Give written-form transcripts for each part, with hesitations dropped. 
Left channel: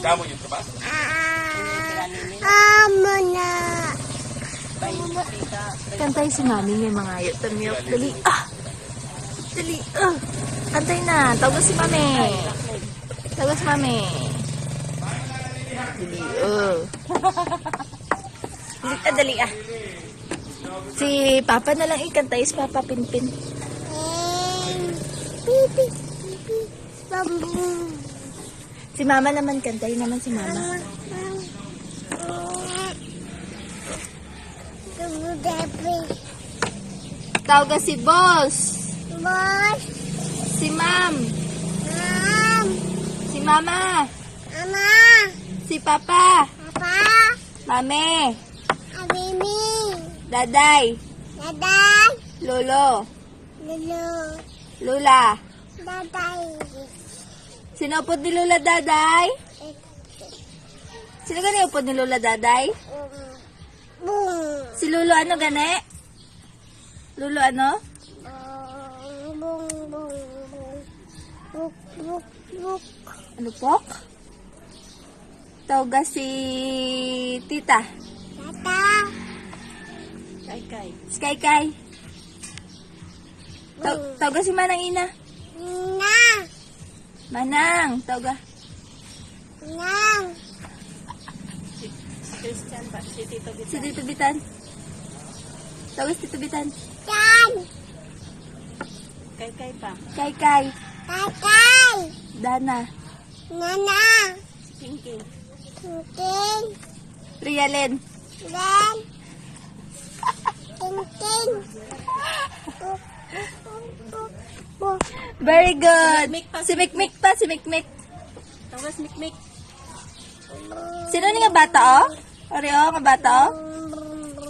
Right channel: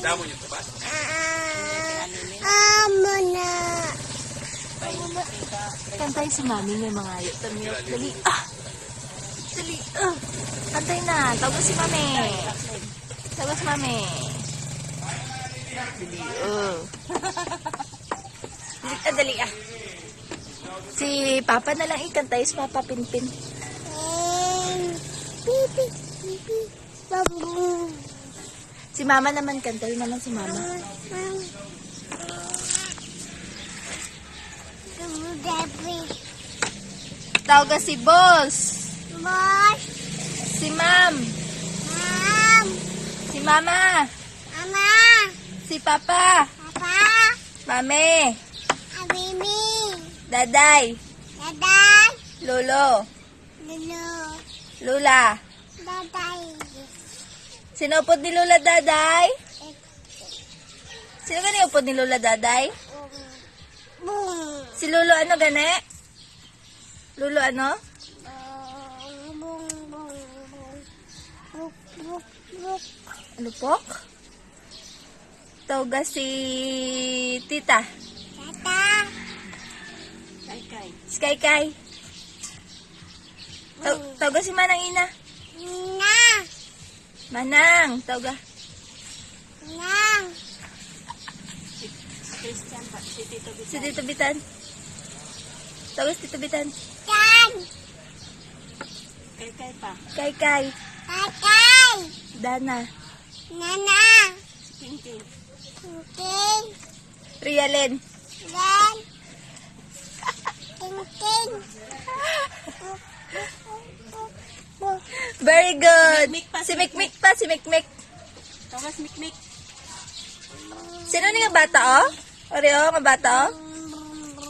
Damo yung tabas. Kantay si Mami yung mga ayot na milk. Dali. Dali. Kantay na. Tawag si Mami. Tawag si Mami. Dali. Dali. Si Papa na lang ikantay. Si Papa Pinpin. Si Mama naman kantay naman si Mama. Tawag si Boss. Si Ma'am. Si Mama. Si Papa. Mami. Daday. Lolo. Lula. Sino upod ni Lula Daday? Sino gani upod ni Lula Daday? Si Lolo ano gani? Lolo ano? Ano po? Tawag si Tita. Si Kai. Tawag si Manang Ina. Manang. Tawag. Si Tito Bitan. Tawag si Tito Bitan. Kai. Dana. Rialen. Very good. Si Mikmik pa, si Mikmik. Sino ni nga bata oh? Oreo nga bata oh?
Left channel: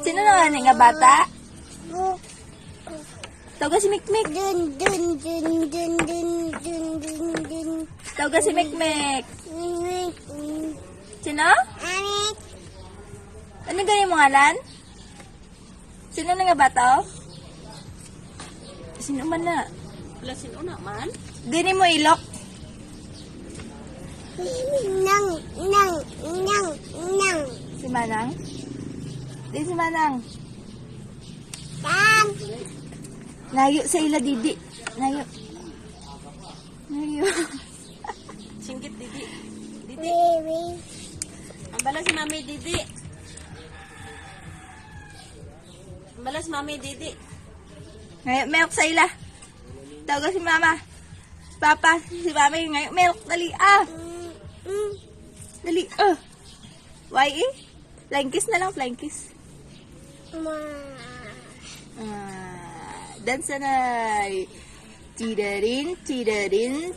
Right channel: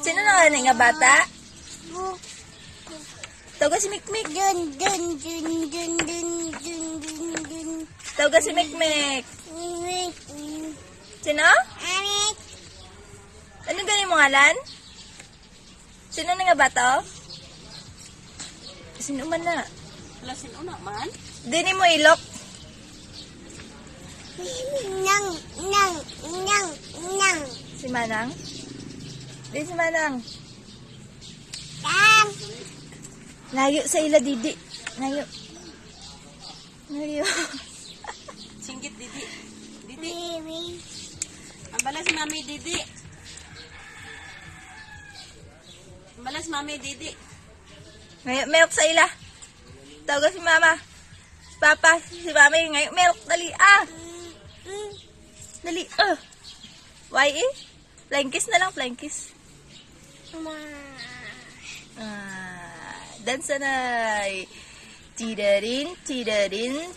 Sino na nga bata? Tawag si Mikmik. Tawag si Mikmik. Sino? Ano ganyan mo ngalan? Sino na nga bata oh? Sino man na? Sino naman? Dini mo ilok. Si Manang? Di si Manang. Nayo sa ila didi. Nayo. Singgit Didi. Ang balas si Mami Didi. Ngayon, mayok sa ila. Tawag si Mama. Si Papa. Si Mami. Ngayon, mayok. Dali. Dali. Why eh? Flying kiss na lang. Flying kiss. Dance na. Tidarin. Tidarin.